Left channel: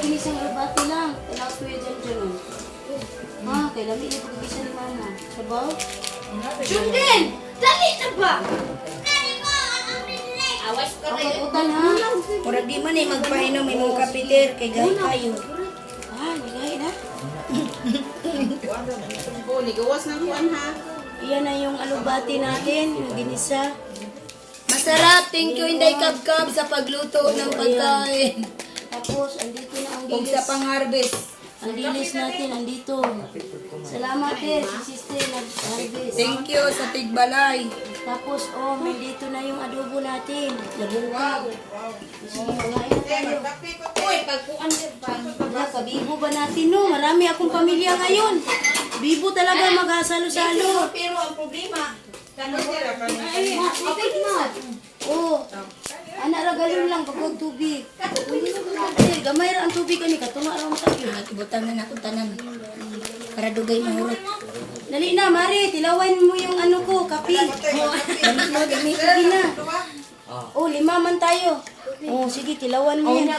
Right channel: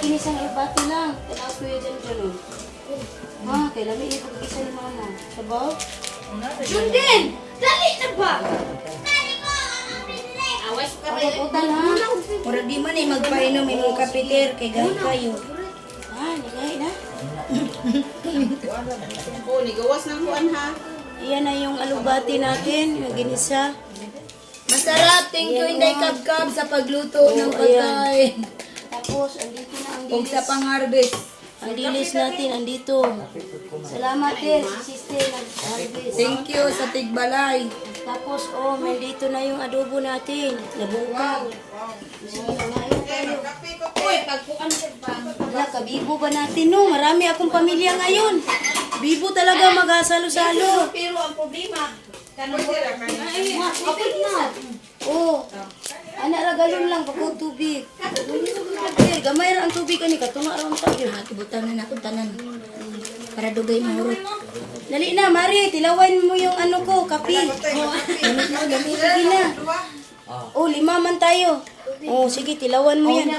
ginisang rabati lang. Kailangan ko yun dyan. Ha? Kailangan yung pag-gisa ni mama. Sabaw? Jundin! Dali na ba? Awas ka rin. Kapag-utan ha? Mura di man ay magpainom, may mga kapiler, kay gano'n kayo. Ah, nilay na. Oh, gawas ng kuan ha. Iyan na yung alubati natin, yung ginisa. Masarap, thank you Inday Kabkab sa pagluto ng pagkain. Tapos, andito na ang Huwag dilis. sa pang-harvest. Ang dilis natin, andito. Salamat din, si sister nag-harvest. Thank you sa Tigbalay. Tapos, oh, nandito na yung adobo natin. Labungkag. So, kumain na tayo. Uy, pagkuan ka ba? Wala, kabibo ba natin, no? Marami akong pamilya ngayon. Bibo talaga mag-asalo-salo. Pero ang problema, Oh, anak ra galon lang pagod tubig. Eh, gamay ra ang tubig ani katunga ra mo tayo. Ibutan na natin tanan. Para dugay mahurot. Dali na, Mari, tilawan mo yung ano ko, kape. Sige na. Oh, 5 man tayo. Oh, sige, tilawan mo yan.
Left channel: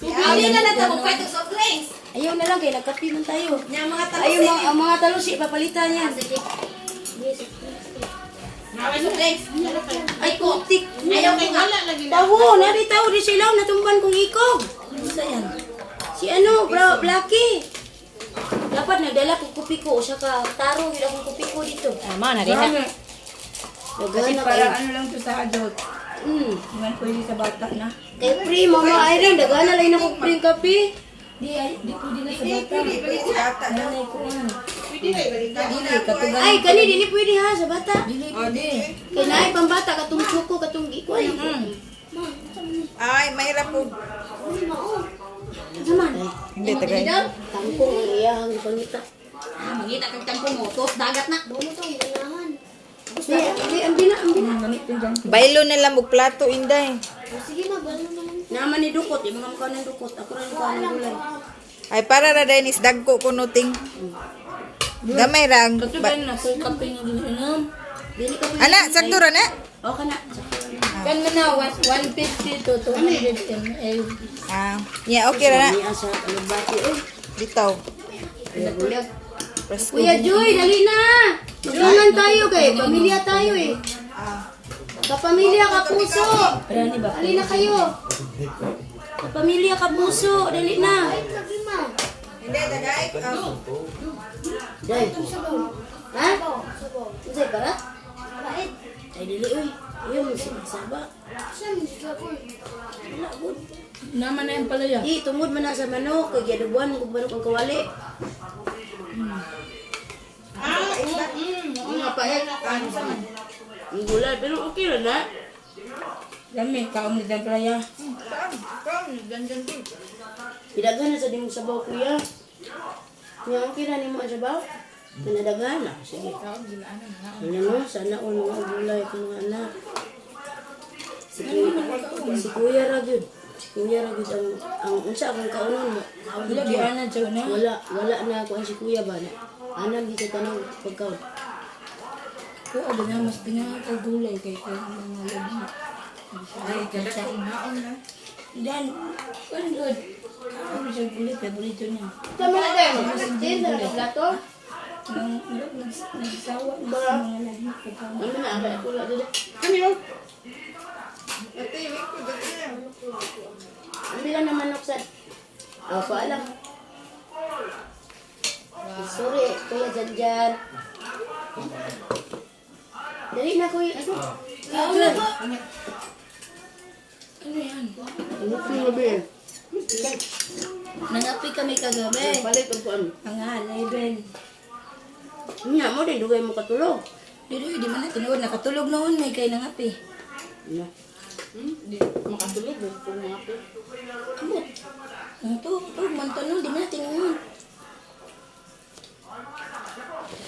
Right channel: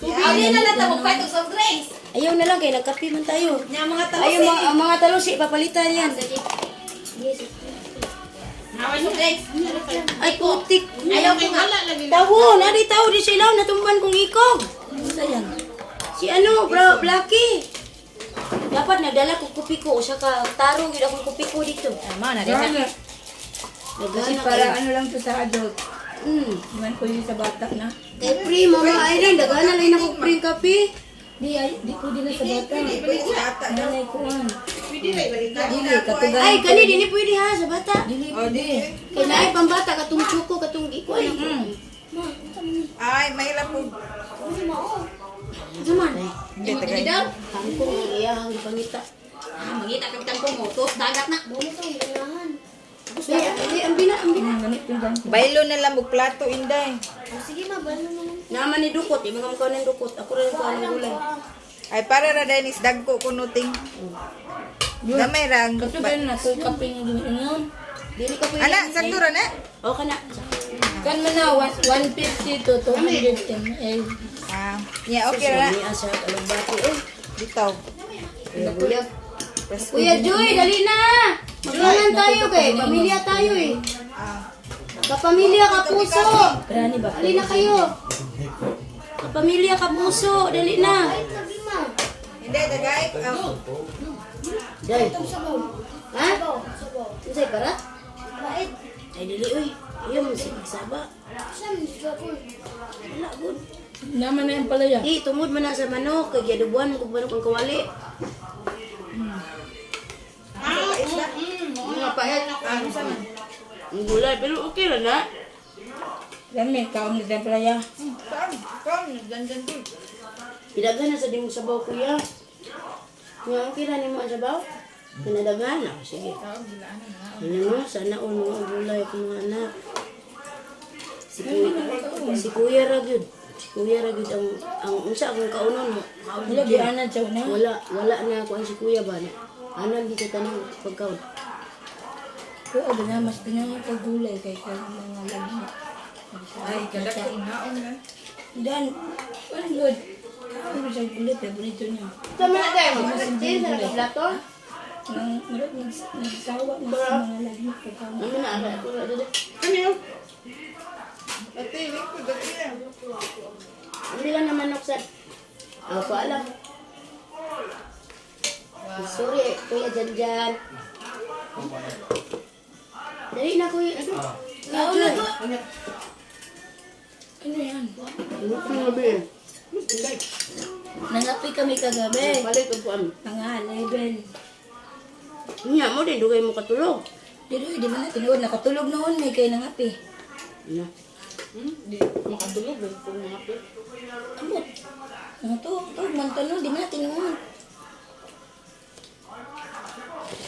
hindi na natapong pa itong soft drinks. Ayaw na lang kay nagkape man tayo. Yung mga Ayaw ang mga talusi papalitan yan. Naway soft drinks. Ay, putik. Ayaw kay wala lagi na. Tawo, nari tawo di silaw natumban kong ikog. Ano sa yan? Si ano, bro, Blacky. Dapat nadala ko kupi ko sa ka taro gid akong kupi ko dito. Tama na Kasi Nagana para kay. ano lang to sa adult. Iwan ko yun sa bata na. Kay free mama Irene, dagana lang ako free kape. Di pwede na sa bata. Nanay ko an. Dili, katugan. Ay, kani dili pwede ha sa bata. Dili, pwede. Kay naay pambata katong chuko katong ikoy. Ay, mahirap po. Zaman. Hindi, tagal. daw. Tangkong iyang pangita. Magita kag tangkong mo, tos dagat na. Ang bina. Gamit ko dyan. Baylo na lang mo plato, Inday. Naman ni dukot, yung mga makaw ng dukot. Ako rin ko ang gulay. Ay, para ra dahil is dagko kunuting. Damay rang. Katugan na sa kape na inom. Dili ka pwede. Ana, sakto ra na. O ka na. Kan mo na 150 to 210. Eh, Ah, yeah, okay ra na. Niya sa alabati. Eh, Dito. kuya. Press Kuya Joy, dali na! Maglangan tayo kay pamilya tayo eh. Kapamilya ka puso! Rani ba? Dali na kayo! Kapamilya ka puso! Dali na! Hindi, dagay. Day! Ha? Unsay para? Ay dili uy! Ayaw mo sinisaba. Wala good. Naman na yung palaya. Di, tumod man na sa manok. Kay giadubuan mo kung ang kawali. Mga pahit. Ang gulay, pero okay lang na. Lami, kaon ni tayong palaya. Come, dandan din. Pinaghan na sa di mo sabaw, kuya. Nga, okay na ni mo ang sabaw? Pinadaghan na. Sige. Ano mo, sana o mga gulay ko mga anak. Si kuya Ragud. Si kuya Ragud ang unsa akong kaunon mo. Wala, di anan siya na. Wala na ako ang si kuya ba na. Anam di sa tanong pagkaon. Oo, di nga, mas di nga kagulay kay mga labi. Ay, kada ko maon na. Dan, very good. Ano siya gulit, paborito niya. Tama na tayo. Din sa plato. Nagsawa na sa mga labi. Ano na ada ko la dito. Ano yun? Ate, wait ko, dati yan. Hindi lang naman nuksan. Ako alam. Sorry, kuya Janjan. Dali na kuya. Ano? Kuya Jan. Ano yan? Ano ko na ba yan? Nangapi kami kagabi. Balik ko ano. Mga 11. Nya mo din dugay mo katulog. Di man na tinuod. Nakatulog noon may kay nangapi. Nya. Makatulog ba kung mga po? Amot. Ang to, mantanong, di man na tinuod.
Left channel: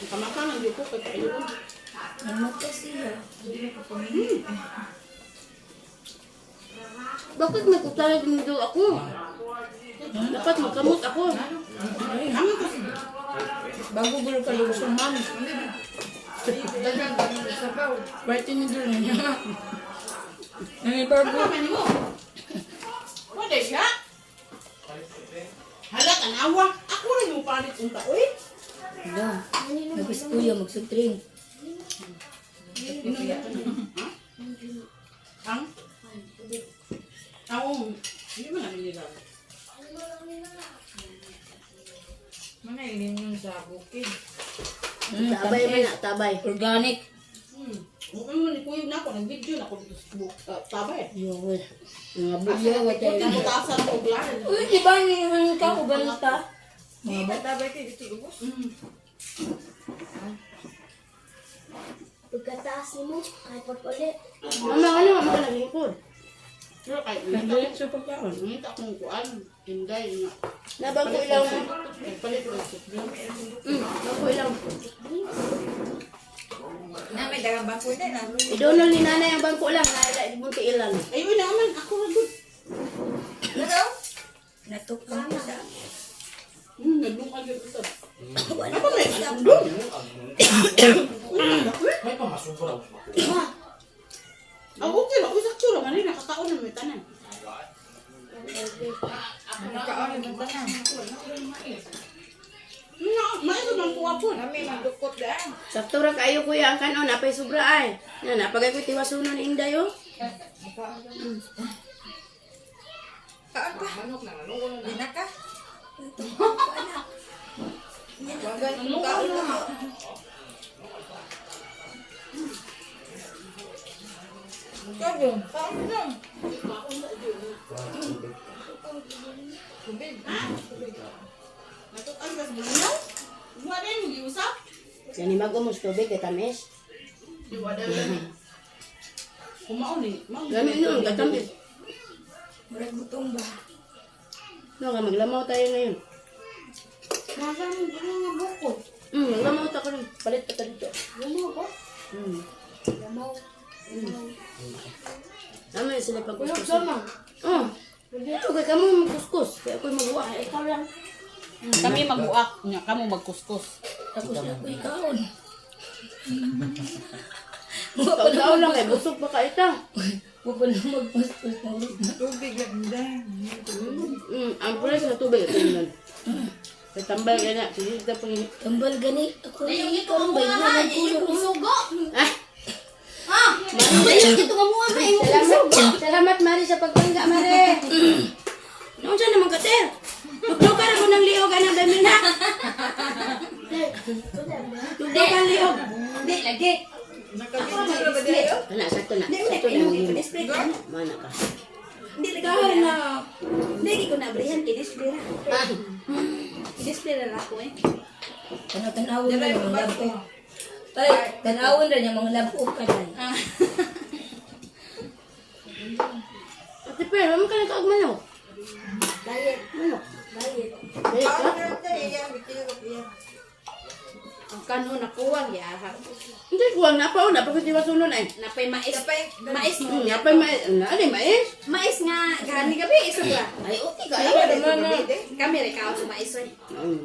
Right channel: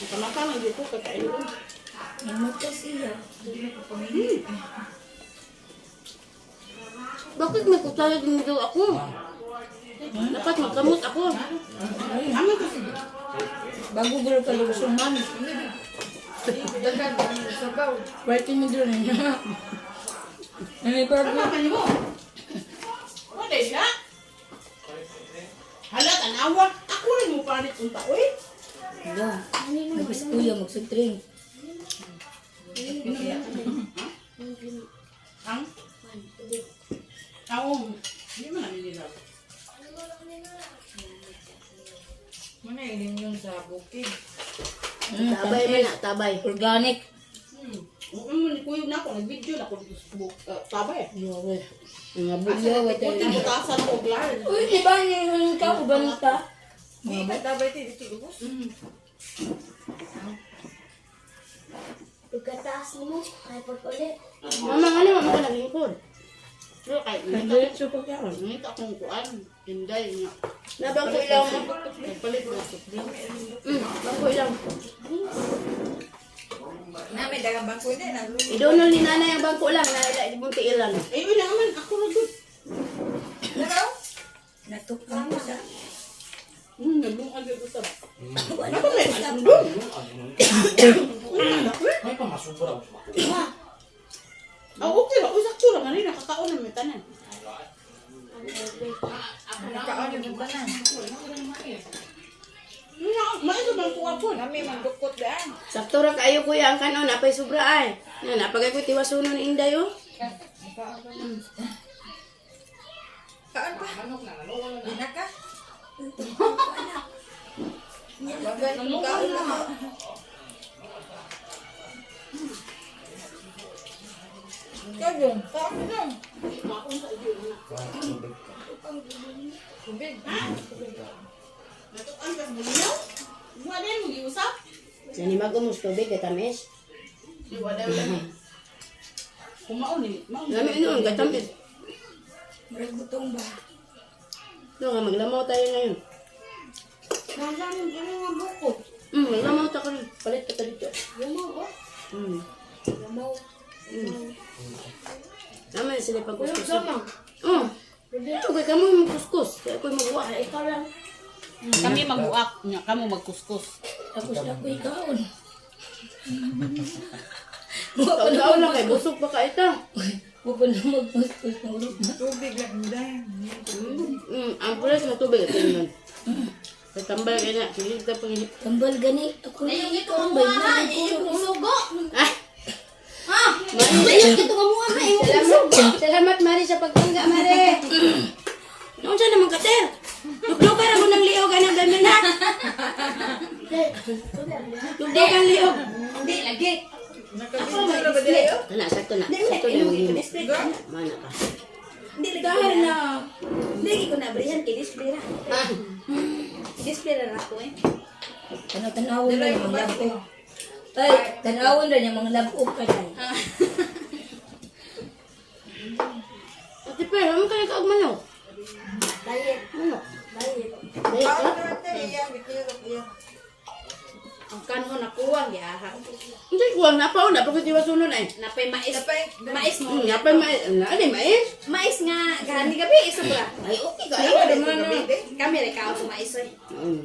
Kamakaman di ko kakailon. Amot ka siya. Bakit nagkutay din daw ako? Dapat makamot ako. Amin kasi. Bago gulo ka lusuman. Pwede mo doon. Ano yung problem? What is that? Hala, tanawa. Ako rin mo palit unta, uy. Wala. Nagis kuya magsutring. Ang? Taong. Hindi mo namin nila. Mana yun yun sa bukid? Tabay man na, tabay. Organic. Mukha mo ni Kuyog na ako, nag-video na ako dito sa book. Tabay. Yo, mga Asa bulyo na wa ko, tayo. butasan ako, glan. Uy, di ba yung ka ko banata? Mga batabay tayo dito ubos. Pagkataas mo, kahit ulit. Mama, ano, mama ka nalingkod. Pero kahit Nagalit sa pagkaon. nakita akong kuan, Inday nga. Nabang ko ilang. Nagpalit ko sa drink. Bang ko ilang. Na may dagang bangko na. Idonol ni nanay ang bangko lang. Nalala, di mo ilang. Ayun naman, ako na good. Ano? Natukpan ko siya. Nalungag yung usap. Ano ba may alam doon? May pamasubra. Ah, okay lang. Usak tsura man rin, nakakaon na may tanan. Nakaon yung tanan. Maito bang kuha po? Kami magdukot daan. Sakto ra kayo kuya ang kanon. Napay sobra ay. Yan, napagay ko tiwasunon inday oh. Kaon pa? Di na ka? Wagan mo kaon na. Kaon, kaon na. Tubig. Natukan ka sa bulinaw? Mga din, mag-iusap? Yan ni mag-umos tubig kay tamis. Iwada lang. Kumaon eh. Yan yun, katamis. Murag butong ba? No, nga maglamaw tayo ngayon. Nasa mo, gano'n nga buko. Maglamaw ta ka rin. Palit ka dito. Lamaw ba? Lamaw. Naman sila pagkuskus. Sama. Ito kay kamo magkuskus. Kaya ako'y magawa. Ikaw lang. Kami magbuak. Kamo magkuskus. Tapos ako'y kaon. Ikaw lang kay busog pa ka ito. Huwag pa na magkuskus ng lupa. Tubig lang dahil. Ang pula sa tubig. Ito yun. Sa tambal ka na. Sige ka pang tambal gani. Ako na yung ito. Ang bayan na kang kulo. Sugo. Ayun, ito ka mukha ka. Salamat Mari sa pagtangga Mari. Noong siya naman kater. Nagluka na mo ng liog. Ano dami na? Nagluka ang liog. Hindi, lagi. Nakabinsa na ba dito? Ano, sakto na. Sakto na. Mana ka. Hindi, lagi ko Dahil na. na. Hindi ko na abrihan. I-display na. I-display na ako eh. Tanawin na yung mga labok. Tay, tanawin na yung mga labok ka dahil. Ate pero, ano kayo kaagmano? Diet. Ano? Diet. Dahil ka? Paano natin? Iyan, bitirok iyan. Ang kanho na kuwang yaha. Hindi, kuwang napaw. Napagkutiwa sunod ay. Napay mais. Napay, Mais mo. Napay mais. Ano yung mais? Mais nga. Gani gabi. Sobra. Ay, okay ka. Ayaw, Ayaw, naman naman. na. Kami rin kaon sa mais. Oy.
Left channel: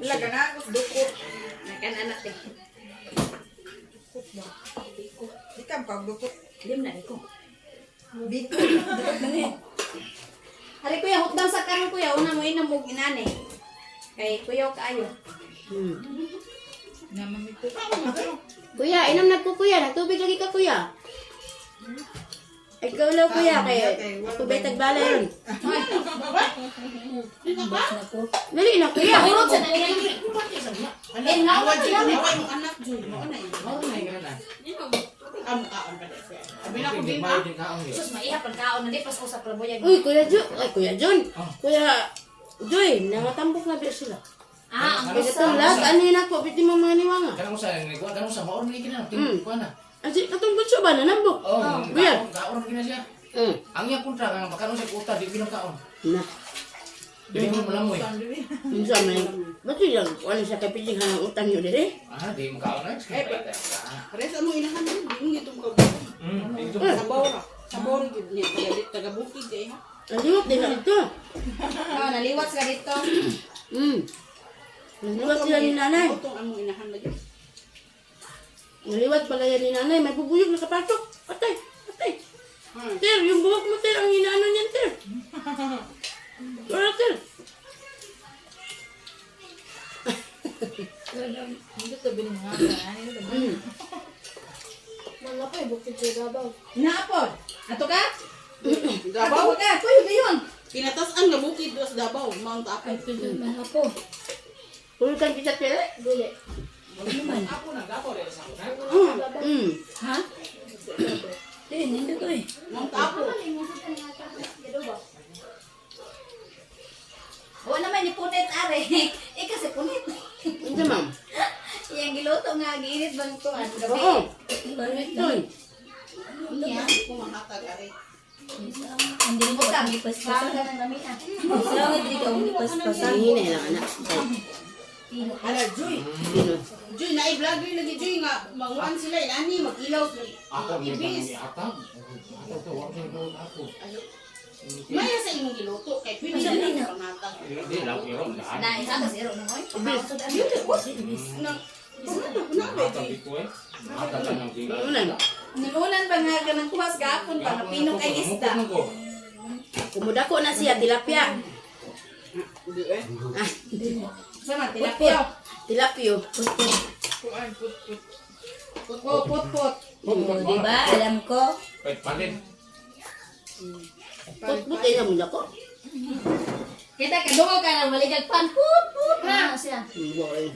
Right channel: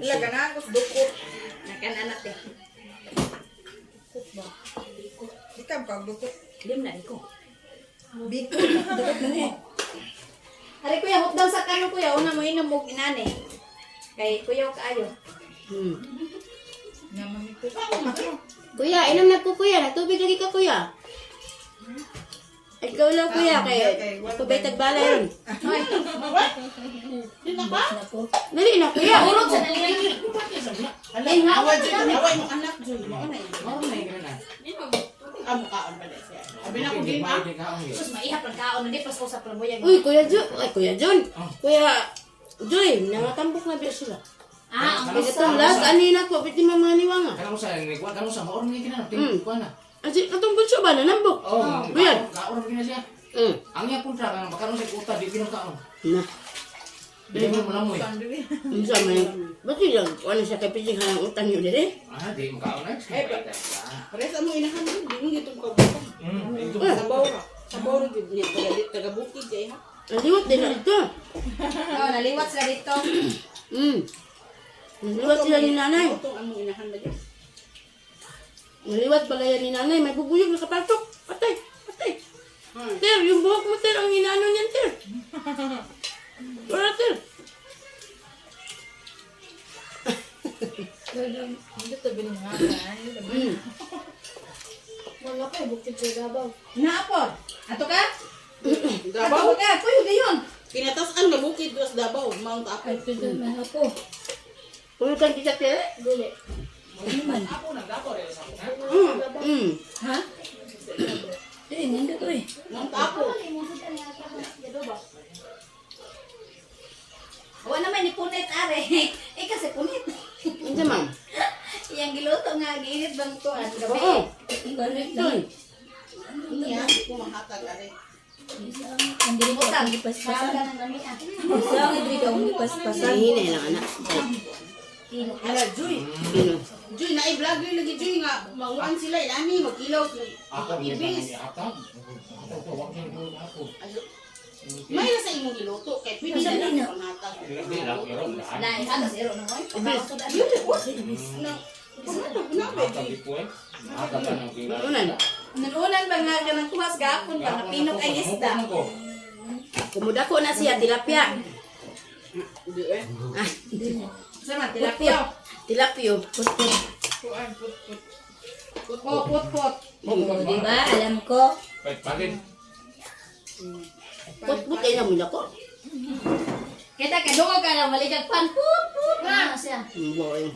Laga na ako, dukot. Nakan-anak eh. Di ka pagdukot. Lim na rin ko. Dito, dukot na niya. Hari kuya, hukdang sa karon kuya. Una mo inom mo inane. Kay kuya kaayo. Namamito. Kuya, inom na po kuya. Nagtubig lagi ka kuya. Ikaw lang kuya. Kaya tubay tagbalay. Dali na kuya. Urot sa nalilin. Away mo anak, Jun. Maunay ka na. Amo kaon pa dahil siya. Abi na ko Hindi din ba? ha. Hindi ka ako. Sus, maihap ang kaon. Hindi pas ko sa plaboyan. Uy, Kuya Jun. Ay, Kuya Jun. Kuya Joy, nangatambok na biya sila. Ang Kaya itong lahat, anina po, biti mo mga niwanga. Kaya mo sa nagwa, kaya mo sa maor na ikinana. Tingko na. Asi, katong bunso ba, nanambok? Oh, Kuya. kaon na siya. Ang iya kontra ang pagkaroon sa kuta di pinakaon. Na, Dili mo malamoy. bunso may, ba't yun, ano siya kapiting ang utang nyo dali? Ah, di mo kaon na. Pares mo inahan mo. Di mo gito kabukan. Ito Sabaw na. Sabaw na gid niya. Taga-bukid kay ha. Ang liwat din na ito. Oo, naliwat sila dito. Naliwat sila ni nanay. Utong among inahan ba dyan? Naliwat pala yan ni nanay, may bubuyog na kapatok. Patay, patay. Ter, yung buhok mo, Ter, ang inano niyan, Ter. Wala, Ter. Mga pa, bukid sa Davao. Naapod. Ato ka? Davao ka. Kuyo dayon. Pinatasan nga bukid dos Davao, Mount Apo. Mga po. Pulutan kita tele. Dili. Ako nagdapo rin sa akin. Ha? Eh, hindi to eh. Mount Apo. Wala naman ni punit are. Eh kasi punit. Hindi ma'am. Yang giluto nga giinit bang to at gabi. Oo. Balik Doon. Kumahatag ari. Hindi mo kang ipaspasan. Sa hindi ka hindi paspasan. Hinay lang anak. Ala Joy. Ano? Joy na i-vlogger lagi Joy nga mauwan sila inani magilaw. Ako Ibis. atag. Atag to wag kini ko ako. May sa imong giluto kay pwede na panghatag. Di lang pero daan. Na isa ka zero nang oy. Atag ko eh. Atag ka ng tingala. Unan. Nununan ba nga ka ng kuwas gapon pa nga pinok ay isda. Kumudako na siya tilapia. Sama tilapia. Tilapio. Put. Diba? Alam ko. Pet palit. Put ay namun ako. Kita ka dungo ka na maligag pan. Put na siya. Boy.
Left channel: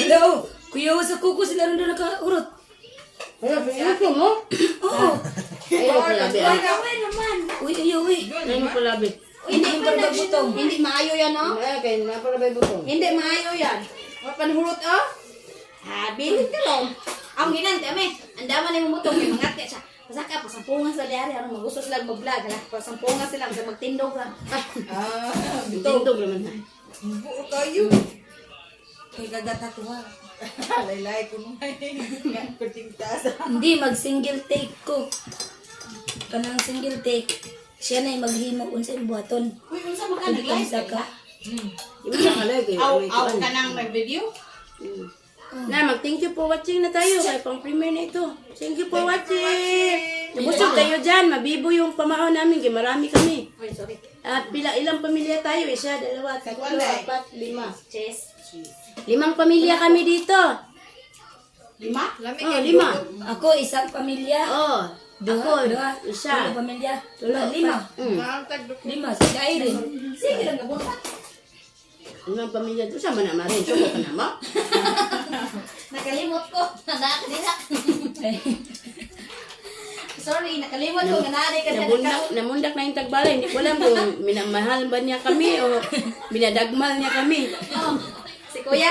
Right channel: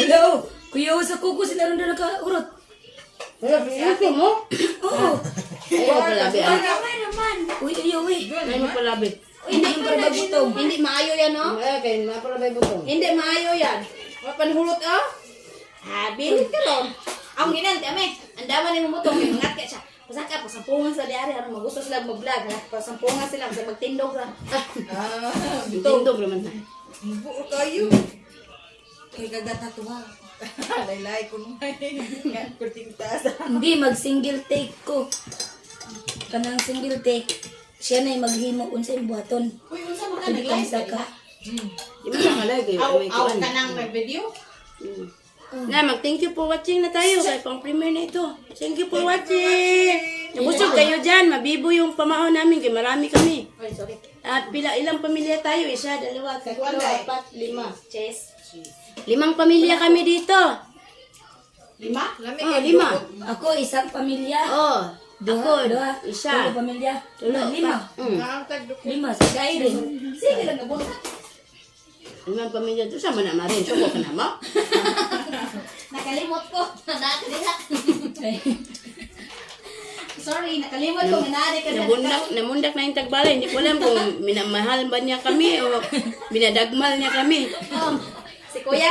Hello. Kuya sa kuko sila ron na nakaurot. Pero pinito mo? Oo. Ayaw palabi. Ay naman. Uy. Ayaw palabi. Hindi pa nagutong. Hindi maayo yan no? Ayaw kayo na palabi butong. Hindi maayo yan. Mapanhulot oh. Bilit ka ron. Ang ginan kami. Ang daman ni mumutong kay mangat ka siya. Pasaka pasampungan sa diari ano magusto sila mag-vlog ha. Pasampungan sila sa magtindog ra. Tindog naman na. Buo kayo. Kay gagatatuwa. Laylay ko nung nga pertintas. Hindi mag-single take ko. Kanang single take. Siya na yung maghimo unsa yung buhaton. Uy, unsa man ka Hindi kang nag-live? saka. Di mo siya kalagi. Aw ka nang nag-video? Na, mag-thank you for watching na tayo. Kaya pang premiere na ito. Thank you for watching. Busog kayo dyan. Mabibo yung pamahon namin. Kaya marami kami. Ay, sorry. At ilang pamilya tayo? Isa, dalawa, tatlo, apat, lima. Chess. 5 pamilya kami dito. 5? Oh, 5. Ako isang pamilya. Oh, Dua. isa. Tulo pamilya. Tulo, 5. 5 sa Gairin. Sige lang nabunta. Mga pamilya doon. Sama na marin. Suko ka na mo. Nakalimot ko. Nada ka nila. Sorry, nakalimot ko. Nanari ka na. Namundak na yung tagbalay. Hindi ko alam kung minamahal ba niya kami o binadagmal niya kami. Si Kuya.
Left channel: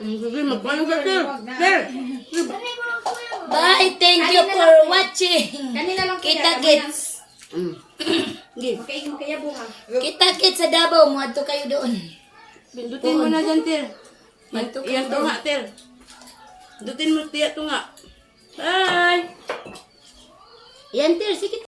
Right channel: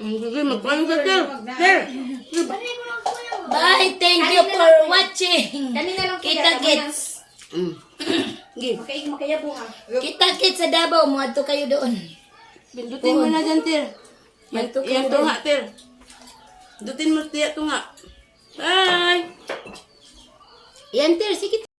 Sige, magpalang ka, sir. Sir. Bye, thank you for watching. Kanina lang Kita-kits. Sige. Makayabo ha. Kita-kits sa Davao. Muadto kayo doon. Pindutin mo na dyan, Tir. Muadto kayo Iyan to doon. nga, Tir. Pindutin mo, Tir, to nga. Bye! Yan, Tir. Sige.